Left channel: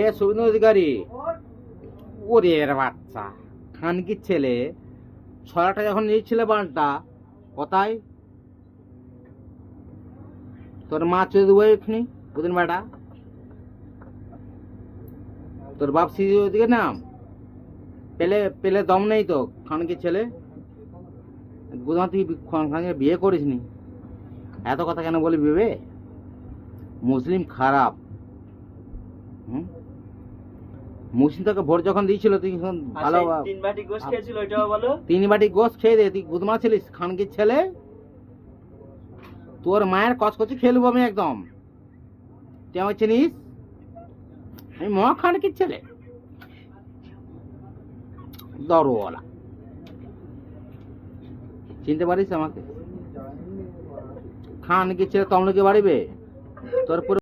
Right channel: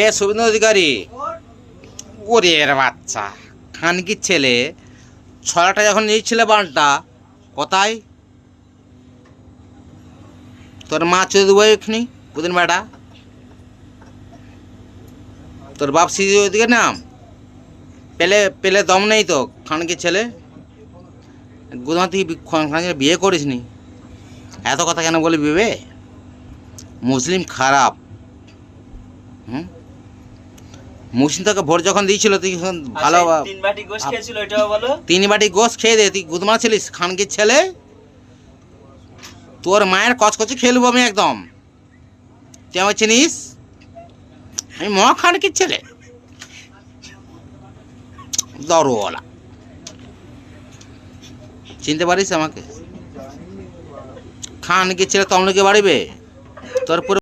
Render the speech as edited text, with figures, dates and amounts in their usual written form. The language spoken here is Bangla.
এ শুভেন্দু অধিকারী, ওরে এর বাচ্চা খানকির ছেলে, ছড়াটা যখন নিয়েছিল বানটা কোথায়? তোর মা চুদি দেবো এখানি ওদিন বেটা, তোর বাপ সিদ্ধি ওদিকে নাম পেলে পেলে দম নেই তো খানকির ছেলে। গুদমা তুই খানকে বিয়ে করিস নি, এত কথা কেন বলি ভেবে? মুসলিম খারাপ। হুম, মুসলিম তোকে ভোট যখন দিয়েছিল তুই ভালো 3 বাটি গোশ খেয়েছিল, ওইটাও বলো। 3 বাটি গোশ খেয়ে দে, তুই গুদমা ছিলিস খানকির ছেলে। তোর মায়ের কচকচি খেলবো আমি একদম, তুই আমার চিনিস? আমি মহা খানকির ছেলে, দরওয়ালা, চিনতে পারিস আমাকে? খানকির ছেলে তমলুকে বাড়িবে তোর পুরো